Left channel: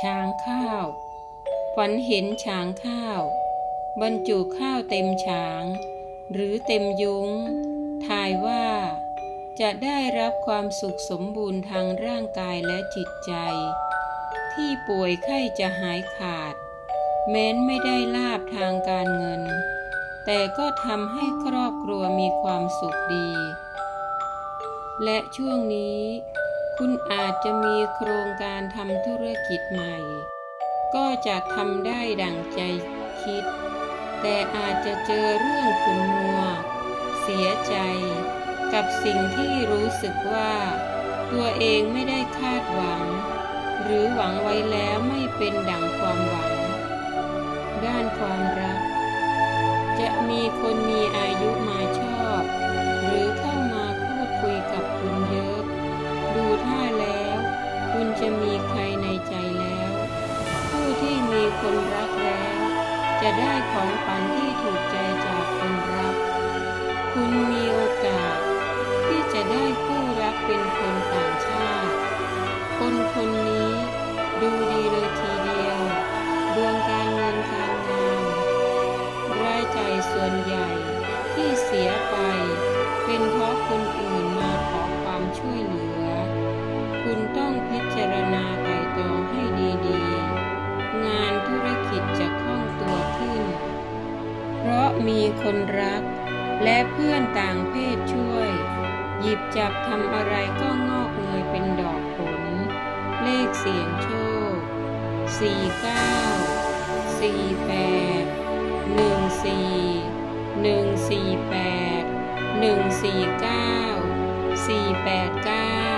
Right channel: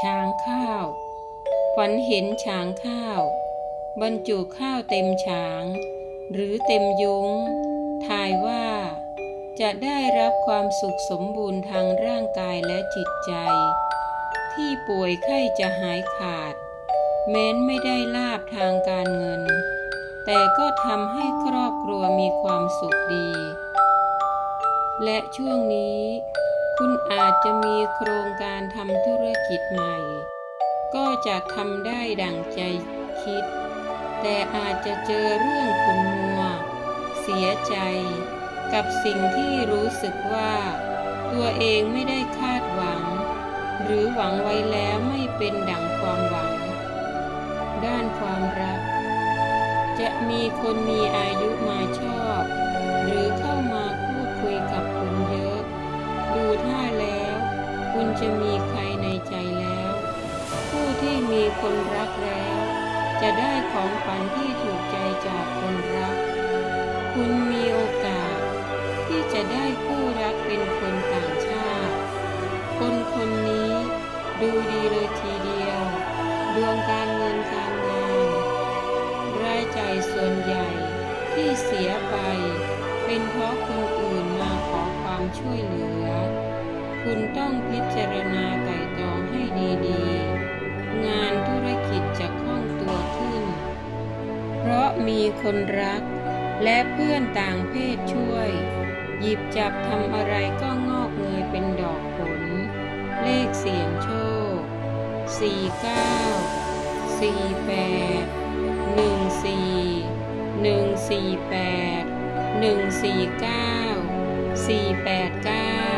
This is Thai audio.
ช้างข้าว ฝันเห็นช้างข้าว บรรจุข้าวเต็มช้าง หรือเต็มยุง้ง ทายว่า จะได้รับความสุขสมบูรณ์ทางร่างกายและจิตใจ ที่ป่วยไข้จะหายขาด แม้นไม่ได้ลาบทางการเงิน แต่ก็ทำให้ครอบครัวมีความสุขดี และช่วงนี้ คุณอาจจะมีโครงการทำธุรกิจใหม่ ก็จะทำได้ดังใจคิด แต่อาจจะเจอเรื่องขุนมัว เสียใจ กับสิ่งที่รู้สึกว่า ตัวเองไม่ได้คาดหวัง หรือหวังไว้แล้วไม่เป็นดังความหวัง ด้านความรัก จะมีคนมีอายุมาชอบ คุณจะมีใครในใจแล้ว ผู้ที่มีคนรักแล้ว จะได้ของขวัญที่ถูกใจจากคนรัก คุณมีโอกาส ที่จะได้คู่รักเป็นคนต่างชาติ คนคนนี้ดูดีเลยทีเดียว ดวงการเงินการงาน รายจ่ายส่วนใหญ่ที่เสียไป เป็นเพราะคนอื่นมาขอความช่วยเหลือ คุณต้องพิจารณาไต่ตรองให้ดีๆ งานธุรกิจจะคล่องตัวขึ้น เพราะมีคนรัก และเพื่อนต่างเพศช่วย หยิบจับทำอะไรก็งอกเงยเป็นดอกผล เลขเสียงโชค 49 48 14 148 149 489